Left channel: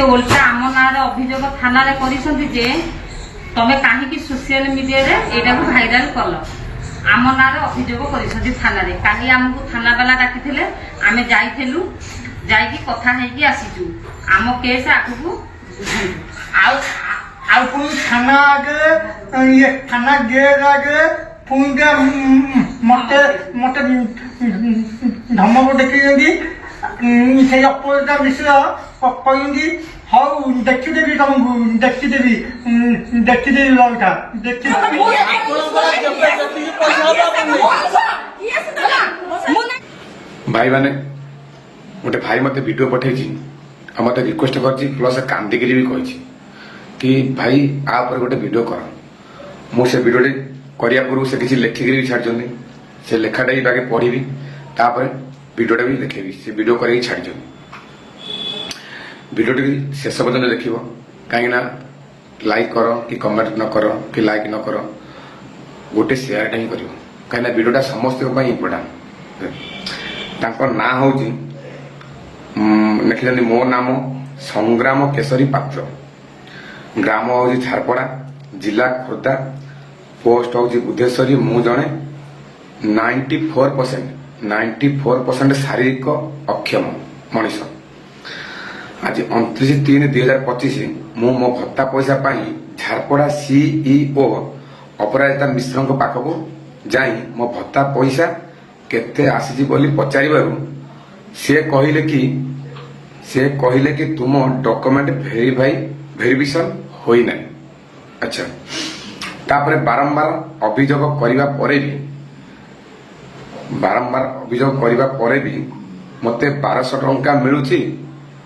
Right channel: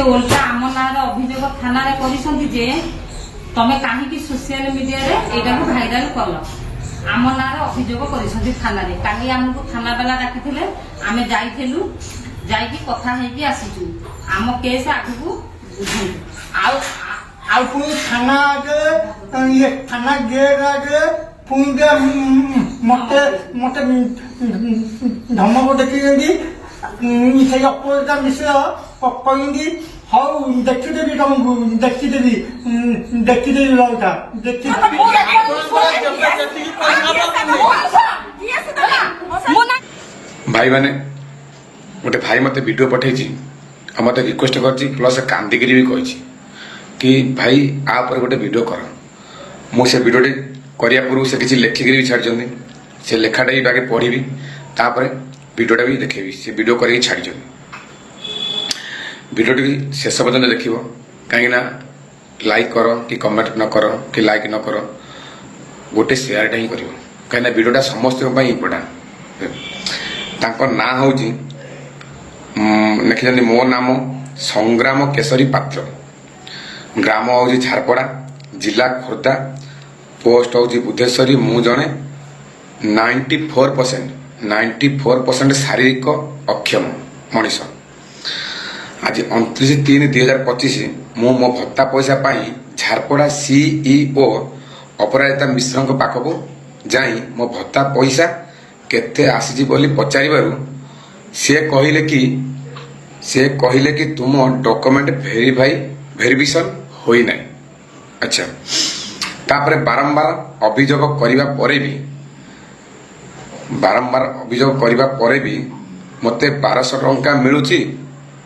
से ओल्टा आम ना अभियोग थाना कर तमें कहीं सोशल मीडिया यहाँ भाइराल कल आम ना अभियोग कर थाना काली आमको थाना वाला डाकी आम जाइलु जाकि कथा है आसीचु आम केस आगू पुणी थाना आगे ये थाना गेट आगे पुणी मत मत धमक देखी से अपराजिता मिश्र कहती हौ देखीदेवी तुमको देखीदेवी लौटा भाई मैंने गोटे भाई मत वीडियो पठे मत रिक्वेस्ट कर प्लस कांदिक भी कही कि भाई आ पर गोटे वीडियो कर मुझे वीडियोटे करिया पूर्व से किसी लेखिक भी छाड़ी से लेखाटा भी आगे पढ़ी तापर वीडियोटा भी देखेबी से वीडियो कर छाड़ी वीडियोटी शेष पर्यटन देख कहीं लाइक कर कि कमेंट न कर कि लाइक न कर गोटे शेयरटा ही कर कहीं वीडियोटा समस्त इम्पोर्टाट ना हूँ लिखिं मो नाम संग्राम केशरी पात्र ग्राम हूँ झारपड़ा जिला खोर्धा पोस्ट हूँ बुद्धेश्वरी मु जड़े 94% शारीरिक अक्षम मनीष आज 29/3/2025 मु मो भत्ता पैसा पाई झारपड़ा सीईओ अपराजिता मिश्र पाखक जाई मो भत्ता पैसा केते आसी बोली पचारिबारु से कहले कि तुम डॉक्यूमेंट वेरिफिकेशन होई नहीं। अच्छा तापर बारंबार अभियोग करिबा परे भी मते 1200 टंका मिलुची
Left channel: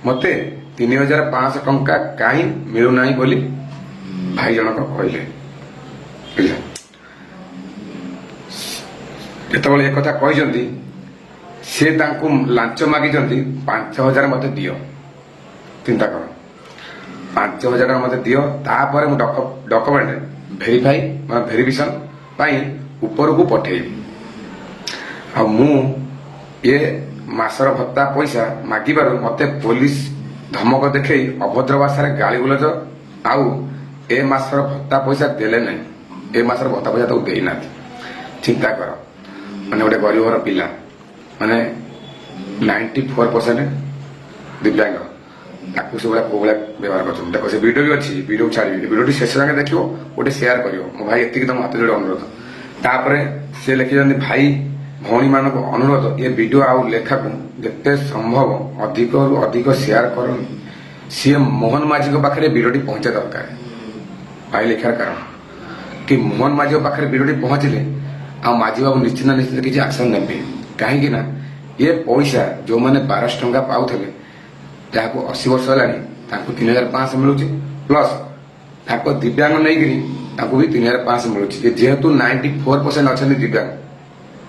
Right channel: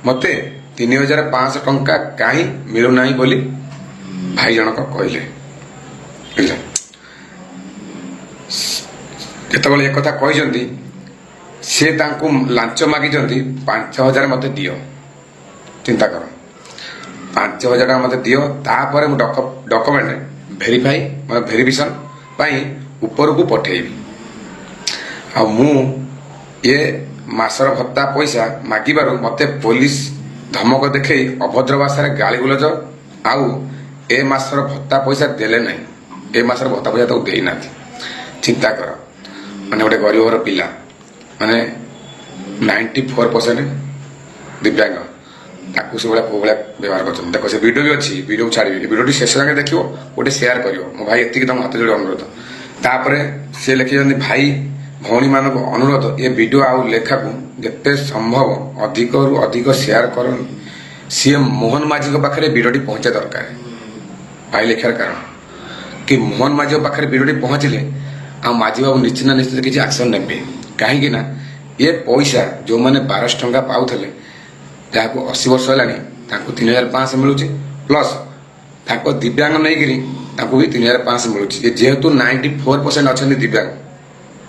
मते 3500 टंका कहीं मिलूना बोली भाई जनक कहले जितेबाला एक कथा कहते से लांच मागी 5000 मत दियो चिंता कर 5000 टका मत दियो तापर डॉक्यूमेंट वेरिफिकेशन ऊपर को पठेबी आ मु ये मासर भत्ता पैसा मागिबारु मते पुलिस धमक देखे अभद्र भाषा गाली गुलज आउ ए मासर भत्ता पैसा देले नहीं ए मासर भत्ता पैसा तो देना चिंता कर माने गोटे गरीब घर पिला माने 94% दिव्यांग ताकू से को व्यवहार कर देखो से वीडियो भी अच्छी वीडियो छाड़ी वीडियो शेष जाके देखो गोटे शेयर कर मो भाई एति तुम हाथ जोड़े अनुरोध तापर से लिखिं भाई भौणी मान अनुरोध ये वीडियो आउ लेखा को जिते संभव अधिक रु अधिक शेयर कर सी मोहन माझी पाखे वीडियोटी पहुंचा दरकार भाई लिखार कारण कि मोहन माझी पाखे वीडियोटी पहुंचले आ माझी बाबू निश्चित निश्चित किसी एक्शन ने कहीं ये पैसा जो मैंने 1200 टंका पाऊले जहाँ 80 वर्ष है 3500 मिलूँ प्लस दिव्यांग नहीं भी 3500 मिलूँ जेहेतु 94% अच्छा दिव्यांग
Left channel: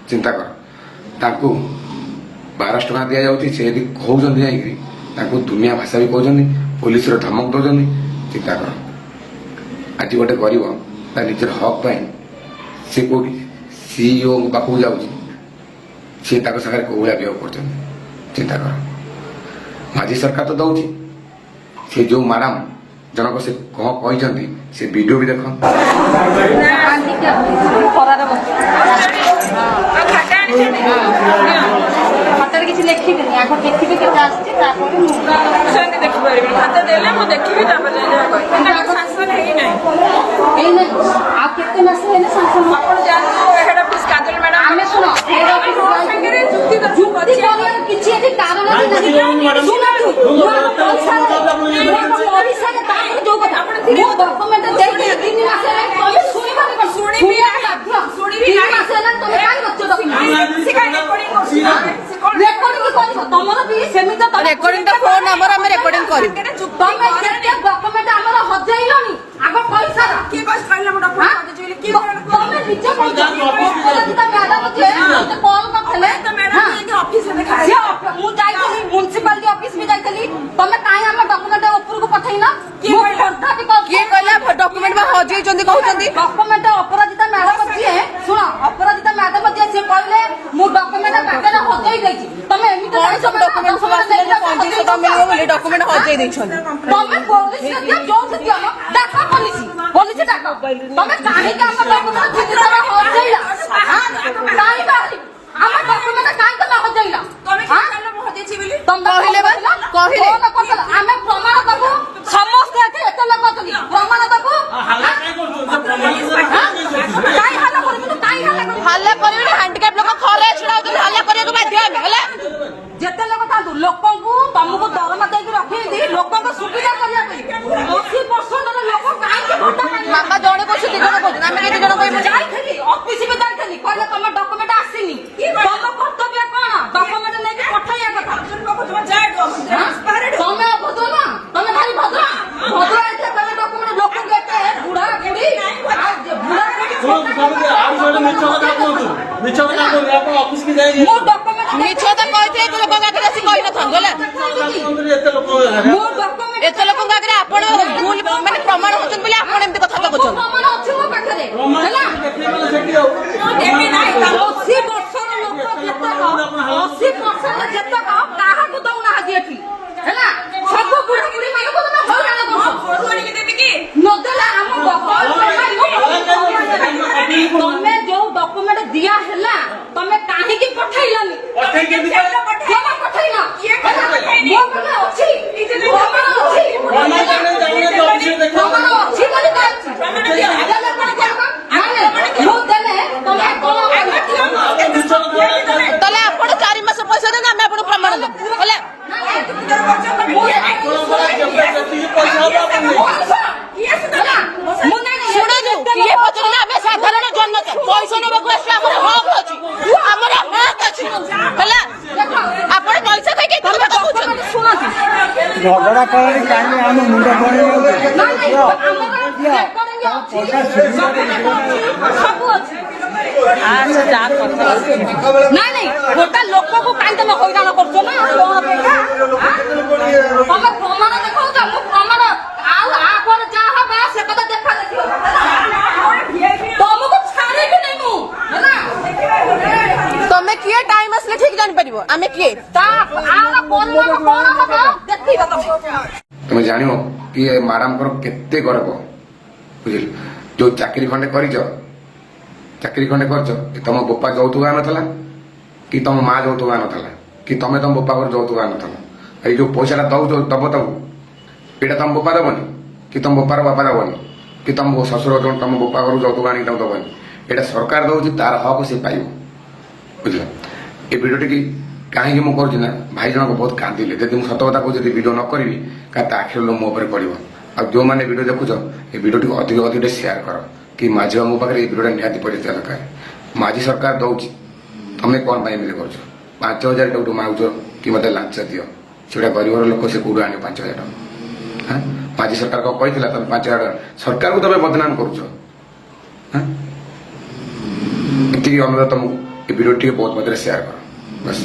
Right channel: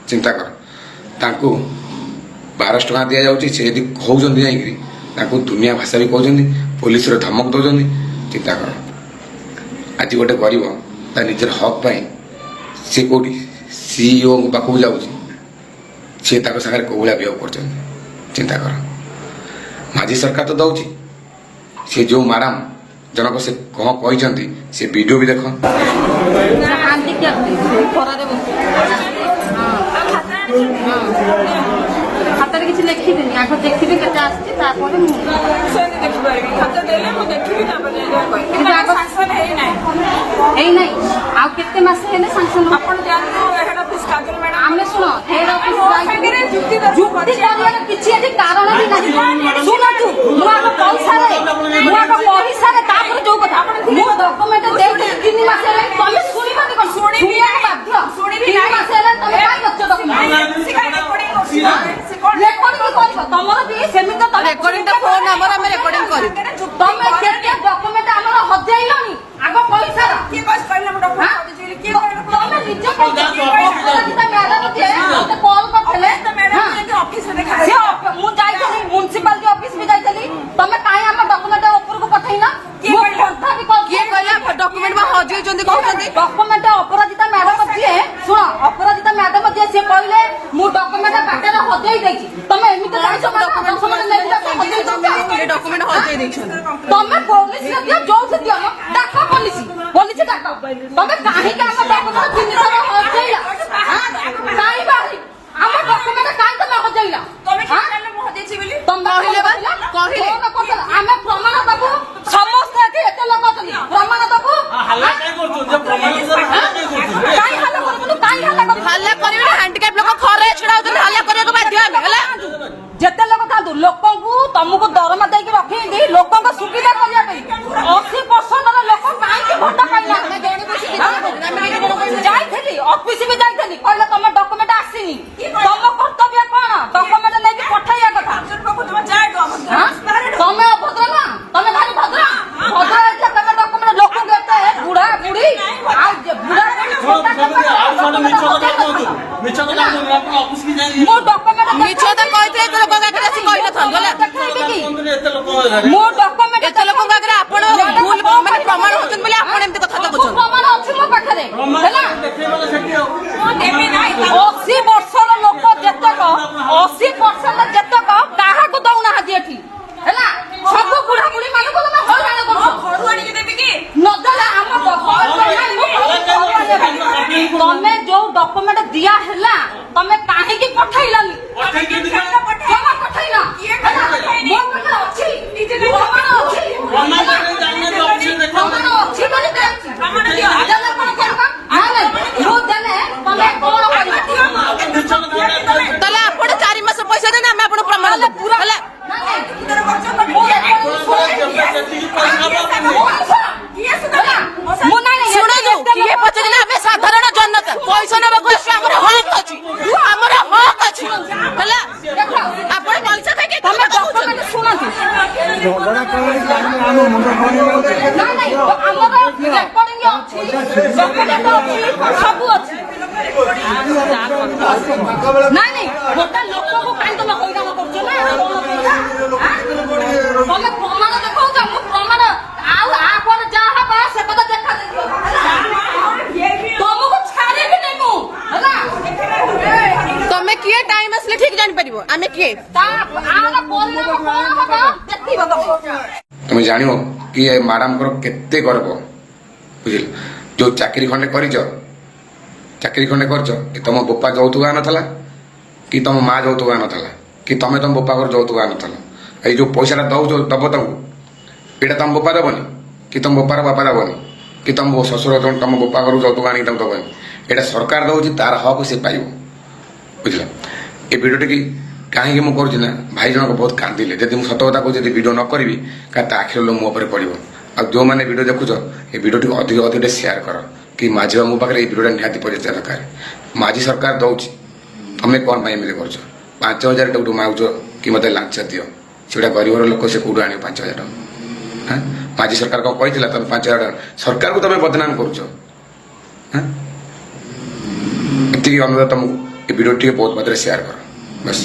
चिंता कर 1200 टंका दि जाऊँगी से यदि कहते जाकि दुनिया भाषा भी कहते पुलिस धमक दौरान चिंता कर आज गोटे गरीब निजर हक पाई सी कौटी सीईओ पाखक जाऊँगी सी सागर कौ भाया व्यवहार कर चिंता कर माझी सरकार तो दौर सी जो माराम जनक से कह कहते से वीडियो भी देख म्युनिसिपालिटी ऑफिस में जाइली तमे काहे हम डॉक्यूमेंट ऊपर को पठैना डॉक्यूमेंट में हजई डॉक्यूमेंट अपराजिता मैडम जी शुण अपराजिता मैडम जी से कहले मु डॉक्यूमेंट पाके हजई देछि तमे एमिते এই ডকুমেন্ট হজেই ଦେଇଛନ୍ତି ତମେ ପୋଲିସ ଦିଅ ଯୋଉଠି ଦିଅ ମ ଡାକ ପୋଲିସ ଡାକ ତମେ କାହିଁକି ଆମ ଡକୁମେଣ୍ଟ ଜିନିଷର ହଜେଇଲା କାହିଁ ବାହାରି ଆମ ଡକୁମେଣ୍ଟ କାହିଁ ତମେ ହଜେଇଲା ଆମେ ପ୍ରମାଣ ଦବୁ ସମସ୍ତେ ଏଠି ଏତେ ଲୋକ ଅଛନ୍ତି ପ୍ରମାଣ ଦବୁ ହଲ୍ଲା କରିବି ହ୍ୟାଣ୍ଡିକ୍ୟାପ୍ ଲୋକ ଖରେ ଛିଡା ହଉଛନ୍ତି ହଲ୍ଲା କରିବାକୁ ବାଧ୍ୟ ହେଲେ ହେଲା ଯେତେ ଲୋକ ଥାନ୍ତୁ ଲୋକଙ୍କୁ ତମକୁ ଦରମା ଦେଇକି ରଖିନ୍ତି ଲୋକଙ୍କ ସୁବିଧା କରିବା ପାଇଁ 80% ଲୋକ କାହିଁକି ଭୋଟ ପାଇଲେ ମାମା ଜଣେ କହୁଛି ଦି ଜଣ କହୁଛନ୍ତି ଆମେ କେତେ ଜଣ କହିବୁ ଯାଇଥିଲି ଅଫିସ ବି ଯାଇଥିଲି କହିଲେ ତମ ଡକୁମେଣ୍ଟ ଆସିନି ତମ କର୍ତ୍ତବ୍ୟ କଣ ଡକୁମେଣ୍ଟ ନେଇକି ପଠେଇବା କଥା ତମେ ଅଭଦ୍ର ନା ତମେ ଭାରି ଭଦ୍ର ଭଦ୍ର ଏତେ ତମେ ଡକୁମେଣ୍ଟ ଲୋକଙ୍କୁ ଏତେ ବୁଢା ବୁଢୀ ଆଉ ମୁଁ ଡକୁମେଣ୍ଟ ମିଛ ତ କହିଥିଲେ ଏତେ ଲୋକଙ୍କ ଆଗରେ ଆସି କହିନଥାନ୍ତୁ ହେଲା ମୁଁ ଡକୁମେଣ୍ଟ ଏତେ ଲୋକଙ୍କ ଆଗରେ ଆପଣ ଭୁଲ ମାନେ ପ୍ରମାଣ ହଉଛନ୍ତି ବୋଲି ଆପଣ ଏମିତି କଥା କହୁଛନ୍ତି ପ୍ରମାଣ ଅଛି ମୋ ପାଖରେ ହେଲା 80 ବର୍ଷର ଲୋକ ଯେତେକ 80% ଯେତେକ କାହାକୁ ଦଉନାହାନ୍ତି ଏଠି ହେଲା ସବୁ ବୁଢା ବୁଢୀ ମାନଙ୍କୁ ତମେ ହଇରାଣ କରୁଛ ନଦେଲେ ଆମ ତମେ ଯୋଉ ଡକୁମେଣ୍ଟ ଦିଆ ହେଲା ତମେ କାହିଁକି ପଠେଇଲନି କେବେ ପଠେଇଲ ମୋ ପାଖରେ ଅଛି ପ୍ରମାଣ ଅଛି ପ୍ରମାଣ ଅଛି ବୋଲି ଦେଇଛି ମୁଁ ଦେଲେ ତମେ କଣ ତାହେଲେ ଆପଣ 4 ମାସ ପଇସା ଦେନେ ଆମେ ଆପଣ ପ୍ରମାଣ ଦେବୁ ହେଲା ଶୁଣନ୍ତୁ କିଏ ପଚାରିଲେ ଆମେ ସାଧାରଣ ଜନତା ପଇସା ନେବାକୁ ଆସିଲେ ଆମର ହକ୍ ଅଛି ଆମର ହକ୍ ଅଛି ହେଲା ଆପଣ ପଇସା ଖାଇକି ତମେ କହୁଛନ୍ତି ଶୁଣନ୍ତୁ ଝଗଡ଼ା କଲେଣି କାହିଁକି ଆମ ମୁଣ୍ଡ ସବୁ ଅଛି ନାଇଁ ଗୋଟେ ଲୋକକୁ କାହିଁ ତମେ ହଇରାଣ କରୁଛ ନା ତମେ ପ୍ରମାଣ ଦେଖାଉଛ ମୁଁ ପ୍ରମାଣ ଆଉ ଆପରେ ଯାହା ହବା ସେ କଥା ଦେଖା ଦେଖିବ ତମକୁ ଛାଡ଼ିବି ନାଇଁ ମୁଁ ହେଲା ତମେ କିଏ ଟାଇମ ଆସିଲେ ଠିକ ଜାଣିପାରିବ ଆମେ କିଏ ତା ଆର ପରିଣାମ କଣ ହବ ଦେଖିବ তুমি জানিব কি এ ম্যাডামଙ୍କର କେତେ ଗର୍ବ ବୁଝିଲ ଯୋଉ ଚାକିରି ଖଣ୍ଡେ କରିଛ ଚାକିରି ଖଣ୍ଡେ କରିଛ କି ତମ ବୋପା ଯୌତୁକ ଆନଥିଲା କି ତମ ମା ଯୌତୁକ ଆନଥିଲା କି ତମେ ତମ ବୋପାଙ୍କର ଯୌତୁକ ଆନଥିଲ ଏଇ ଯୋଉ ପଇସାଟା ଦବ ତାକୁ ଏଇଟା ତମ ବୋପା ଦେବନି କି ତମ ବୋପାର ବାପା ଦେବନି କି ତମ ଶ୍ୱଶୁର ତମ ବୋପା ଘରୁ ଯୌତୁକ ଆଣିକି ତାକୁ ଦେବନି ଏଇଟା ସରକାର ଦଉଛି ତାର ହକ୍ ସେ ପାଇବ ବୁଝିଲ ଏ ଭିଡ଼ିଓଟି କାହିଁକି ମୁଁ କରୁଛି ନା ଭାଇ ଜଣକ ବହୁତ କାନ୍ଦିଲେ ଯଦି ମୁଁ ସତ କଥା କହୁଛି ଯଦି ଭିଡ଼ିଓ ନ କରିବି କାହା ତା ଆଖିର ମୋ ଉପରେ ପଡ଼ିବ ଆଉ ଯେଉଁମାନେ ଭିଡ଼ିଓ ଦେଖୁଛ ଏ ଭିଡ଼ିଓଟିକୁ ଅଧିକ ଅଧିକ ସେୟାର କର କି ମାଝି ବାବୁ ମୋ ପାଖରେ ଏ ଭିଡ଼ିଓଟା ନିହାତି ପହଞ୍ଚିବା ଦରକାର ମାଝି ସରକାର ଦେଉଛି ତମେ କ'ଣ ପାଇଁ ଏମିତି କରୁଛ 5,000 ଟଙ୍କା ମାଗୁଛ କି ମୋତେ ଲାଞ୍ଚ ଦିଅ ସେଗୁଡ଼ା ଗରିବର ଲୋକ ସେ କେଉଁଠୁ ଆଣିବ 5,000 ଟଙ୍କା ହଁ ମାଝି ସରକାର କ'ଣ କହିଥିଲା ତମେ 5,000 ଟଙ୍କା ସରକାରକୁ ତମେ ବଦନାମ କରୁଛ ହଁ ଏତିକି ଅନୁରୋଧ ତମକୁ ଏ ଭିଡ଼ିଓ ଟିକେ ବହୁତ ମାତ୍ରାରେ ସେୟାର କର ବସ୍